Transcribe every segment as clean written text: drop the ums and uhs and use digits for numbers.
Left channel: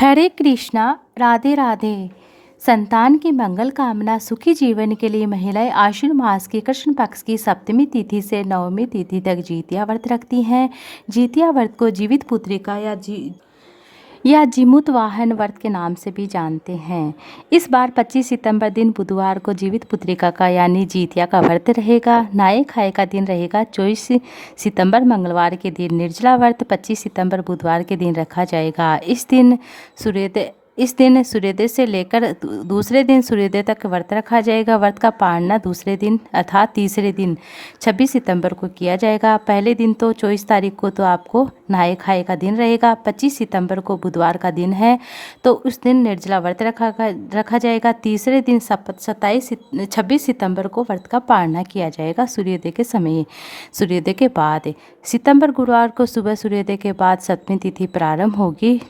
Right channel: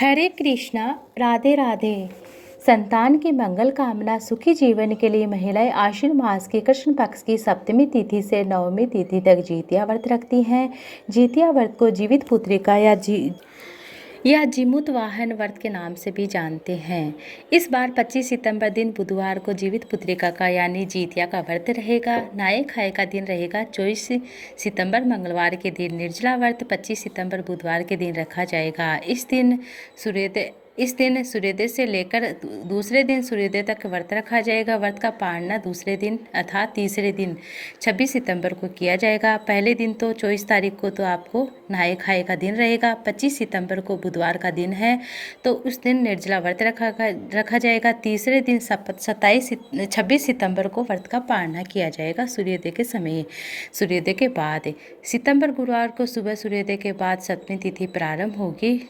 हरे कृष्णा। राधे राधे। संतान की मंगल कामना सुखी जीवन के लिए महिलाएं आश्विन मास की कृष्ण पक्ष की सप्तमी तिथि से नवमी तिथि तक जितिया व्रत रखती हैं। जितिया व्रत को जीवित पुत्रिका या जीमूत वाहन व्रत के नाम से भी जानते हैं। इस बार 25 सितंबर दिन बुधवार को जीवित पुत्रिका का यानी जितिया का व्रत रहेगा। नहाए खाए का दिन रहेगा। 24 सितंबर मंगलवार के दिन निर्जला व्रत 25 सितंबर बुधवार के दिन रखा जाएगा। इस दिन सूर्योदय से लेकर दूसरे दिन सूर्योदय तक व्रत रखा जाएगा। व्रत का पारना दूसरे दिन अर्थात तीसरे दिन 26 सितंबर को किया जाएगा। पहले दिन तो 24 तारीख को तो आपको नहाए खाए का दिन रहेगा। 25 सितंबर को बुधवार का दिन है तो उस दिन निर्जला व्रत रखा जाएगा। तीसरे दिन 26 सितंबर को व्रत का पारना किया जाएगा सूर्योदय के समय, सूर्योदय के बाद। सितंबर गुरुवार को सुबह सूर्योदय के बाद सप्तमी तिथि प्रारंभ होगी।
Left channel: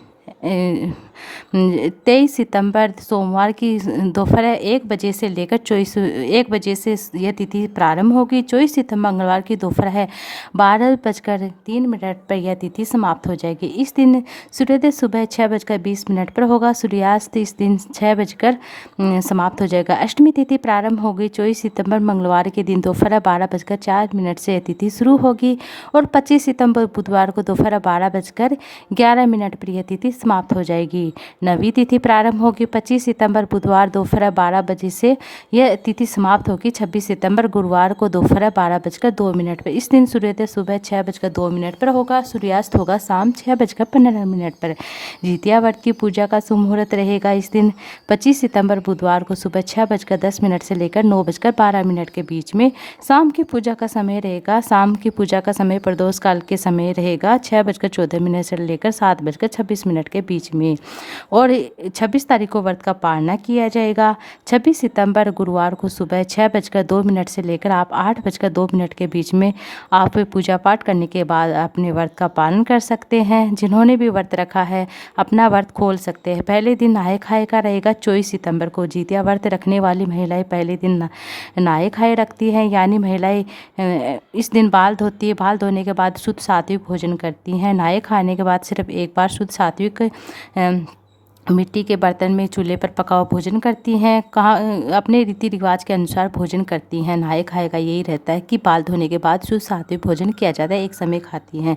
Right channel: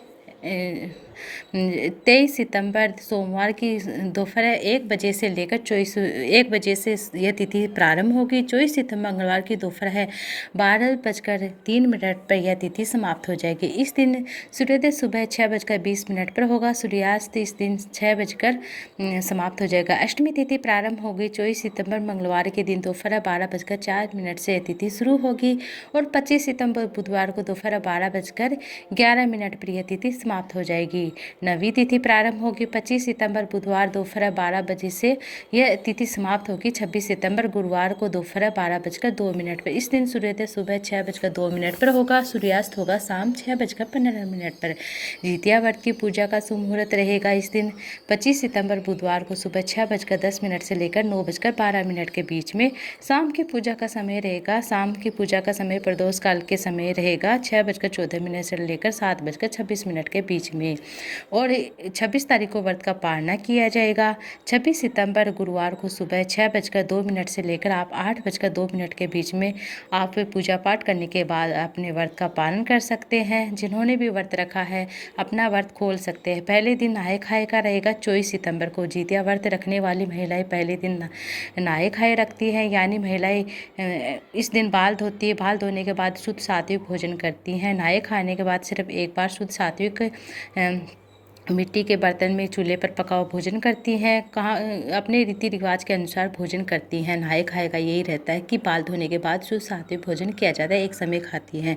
23 सितंबर सोमवार की दोपहर 1 बजे से लेकर 1 बजे से यह तिथि प्रारंभ होगी। 24 सितंबर मंगलवार की दोपहर 12:03 पर यह तिथि समाप्त हो जाएगी। इस दिन सूर्योदय सुबह 6:20 पर होगा। सूर्यास्त इस दिन 6 बजकर समाप्त हो जाएगा। अष्टमी तिथि प्रारंभ होगी 24 सितंबर मंगलवार के दिन दोपहर 12:04 से यह तिथि शुरू होगी और 25 सितंबर बुधवार को दोपहर 12:11 पर यह तिथि समाप्त हो जाएगी। नवी तिथि प्रारंभ होगी 25 सितंबर बुधवार दोपहर 12 बजे से यह तिथि समाप्त होगी 26 सितंबर गुरुवार को दोपहर 12:02 पर। इस दिन सूर्योदय सुबह 6:02 पर होगा। सूर्यास्त होगा शाम 6:15 पर। जितिया व्रत की पूजा का शुभ मुहूर्त रहेगा इस दिन 25 सितंबर बुधवार को सुबह 6:10 से लेकर 9:12 के बीच में। शाम की पूजा का समय रहेगा। शाम की पूजा का समय प्रदोष काल के समय रहेगा 6:14 से लेकर 7:26 के बीच में। और 26 तारीख को व्रत का पारना किया जाएगा। 26 सितंबर गुरुवार को सुबह 6:02 से लेकर आप 8:02 के बीच में आप पूजा पाठ करने के बाद अपने व्रत का पालन कर सकते हैं। जिन्होंने भी व्रत रखा है अपना व्रत खोल सकते हैं। पहले दिन नहाए खाए का रहेगा 24 सितंबर को। जितिया व्रत रखने वाली महिलाएं पहले दिन नहाए खाए रखती हैं, यानी महिलाएं इस दिन बाल धोती है। बाल धोने के बाद शुद्ध सात्विक भोजन करती हैं। नहाए खाने के बाद सिर्फ एक बार शुद्ध सात्विक मिट्टी के बर्तन में चूल्हे पर पका हुआ भोजन करती हैं। अपने रीति रिवाज के अनुसार भोजन करती हैं। नहाए खाए का यही रहता है कि बाल धोने के बाद शुद्ध सात्विक भोजन किया जाता है। एक समय खाती हैं,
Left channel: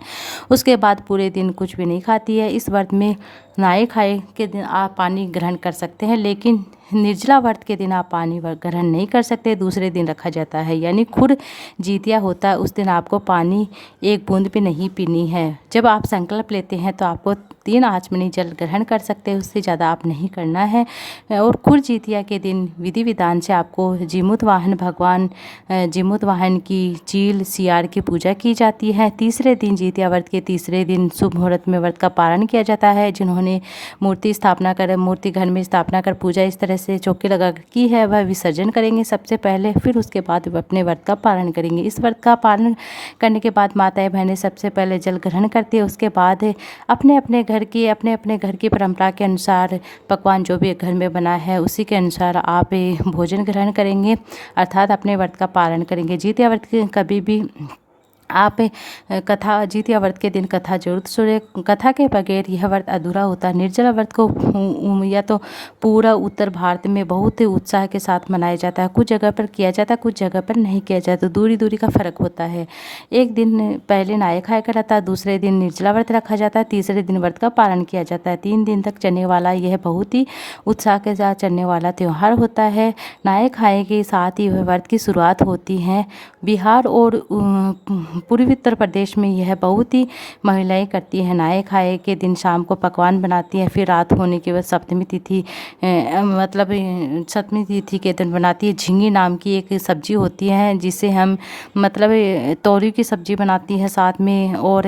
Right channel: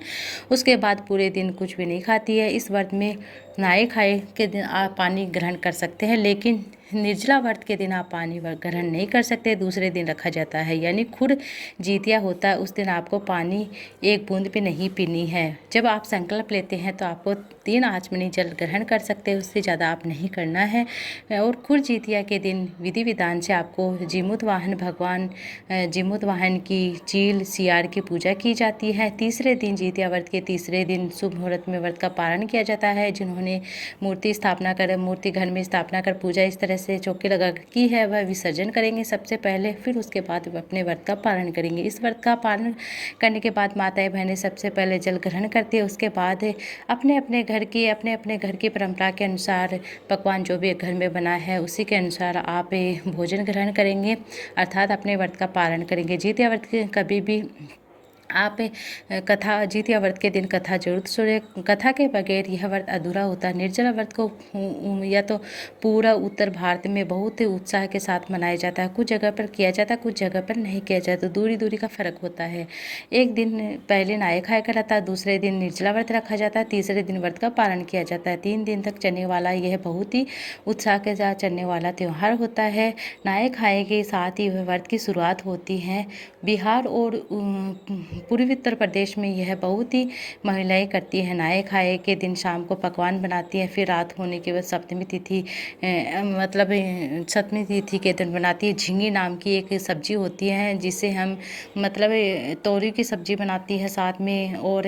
उसके बाद पूरे दिन कुछ भी नहीं खाती है। इस व्रत में नहाए खाए के दिन आप पानी ग्रहण कर सकते हैं, लेकिन निर्जला व्रत के दिन आप पानी ग्रहण नहीं कर सकते। दूसरे दिन रखा जाता है, यानी खुद जितिया होता है उस दिन आपको पानी एक बूंद भी नहीं पीनी है। जब आप संकल्प लेते हैं तो आपको 3 आचमनी जल ग्रहण कर सकते हैं, उससे ज़्यादा आप नहीं करना है। और खुद जितिया के दिन विधि विधान से आपको जीमूत वाहन भगवान जीमूत वाहन की चील सियार की पूजा की जाती है। तीसरे दिन जितिया व्रत के तीसरे दिन शुभ मुहूर्त में व्रत का पारण किया जाता है। जिन्होंने मूर्ति घर में स्थापना कर पूजा इस तरह से चौकी लगा की है वह विसर्जन करेंगे सबसे पहले, फिर उसके बाद अपने व्रत का पालन करेंगे। इस व्रत का पालन करने के बाद माताएं बहनें सबसे पहले जल ग्रहण करती है। उसके बाद अपने अपने घर की परंपरा के अनुसार पकवान जो भी घर में बना है उसी के अनुसार आप भोजन ग्रहण करेंगे, अर्थात अपने व्रत का पालन करेंगे। जितिया व्रत के कभी भी आप जितिया व्रत के दिन कथा जरूर सुने। कथा के बगैर यह व्रत अधूरा होता है। निर्जला व्रत को या तो पूरा उत्तर भारत में बहुत ही उत्साह के साथ मनाया जाता है। कुछ जगह पर किया जाता है, कुछ जगह पर नहीं किया जाता। दूरी दूरी का फर्क होता है। एक दिन पहले नहाए खाए का रहता है, दूसरे दिन निर्जला व्रत रखा जाता है, तीसरे दिन व्रत का पालन किया जाता है। 3 दिन तक चलने वाला यह बहुत ही उत्साह के साथ चलने वाला त्यौहार होता है। नहाए खाए के साथ ही वह व्रत की शुरुआत होती है। बिहार और पूर्वी उत्तर प्रदेश में यह बहुत ही महिलाएं करती हैं। नहाए खाए के दिन शाम को पकवान बनाती हैं, फिर रात होने के बाद सप्तमी तिथि के दिन बनाती है। झींगी नाम की एक सब्जी होती है जिसे हम तोरी की सब्जी बनाती है साथ में, और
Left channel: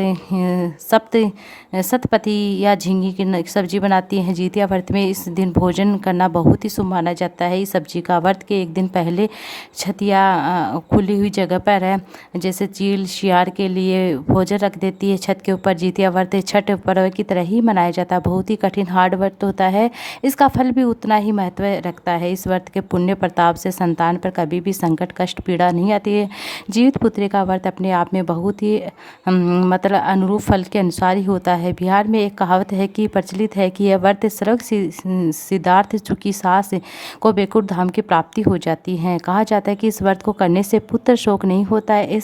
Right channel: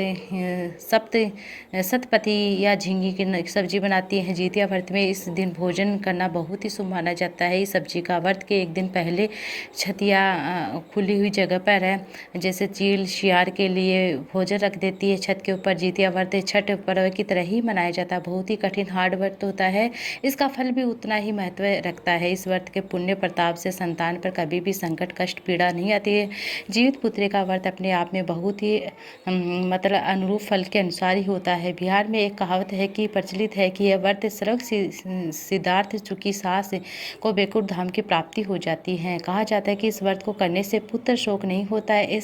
सतपति या झींगी की सब्जी बनाती हैं। जितिया व्रत में इस दिन भोजन करना बहुत ही शुभ माना जाता है। इस सब्जी का व्रत के एक दिन पहले छतिया खुली हुई जगह पर है, जैसे चील शियार के लिए भोजन रख देती है छत के ऊपर। जितिया व्रत छठ पर्व की तरह ही मनाया जाता है। बहुत ही कठिन हार्ड व्रत होता है। इसका फल भी उतना ही महत्व रखता है। इस व्रत के पुण्य प्रताप से संतान पर कभी भी संकट कष्ट पीड़ा नहीं आती है। जीवित पुत्री का व्रत अपने आप में बहुत ही मतलब अनुरूप फल के अनुसार ही होता है। बिहार में एक कहावत है कि प्रचलित है कि यह व्रत स्वर्ग सिद्धार्थ चुकी सास को बैकुंठ धाम की प्राप्ति हो जाती है। कहा जाता है कि इस व्रत को करने से पुत्र शोक नहीं होता है।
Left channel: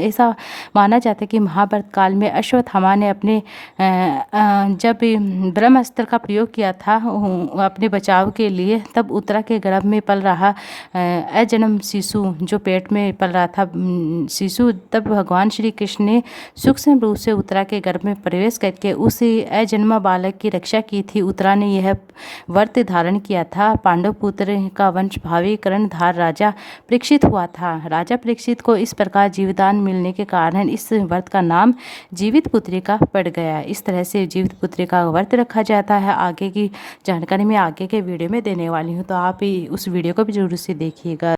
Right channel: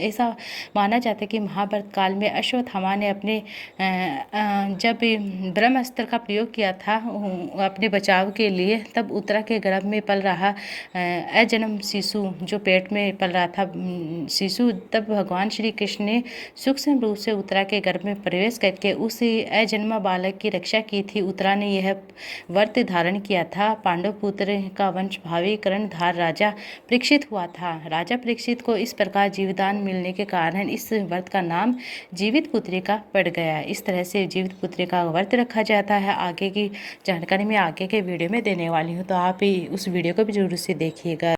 ऐसा माना जाता है कि महाभारत काल में अश्वत्थामा ने अपने जब ब्रह्मास्त्र का प्रयोग किया था अपने बचाव के लिए, तब उत्तरा के गर्भ में पल रहा अजन्म शिशु, जो पेट में पल रहा था शिशु, तब भगवान श्री कृष्ण ने सूक्ष्म रूप से उत्तरा के गर्भ में प्रवेश करके उस अजन्मा बालक की रक्षा की थी। उत्तरा ने यह व्रत धारण किया था। पांडव पुत्र का वंश भावी कर्णधार राजा परीक्षित हुआ था। राजा परीक्षित को इस प्रकार जीवदान मिलने के कारण इस व्रत का नाम जीवित पुत्री का पड़ गया। इस तरह से जीवित पुत्री का व्रत रखा जाता है। आगे की जानकारी मैं आगे के वीडियो में देने वाली हूँ, तो आप उस वीडियो को भी जरूर से देखिएगा।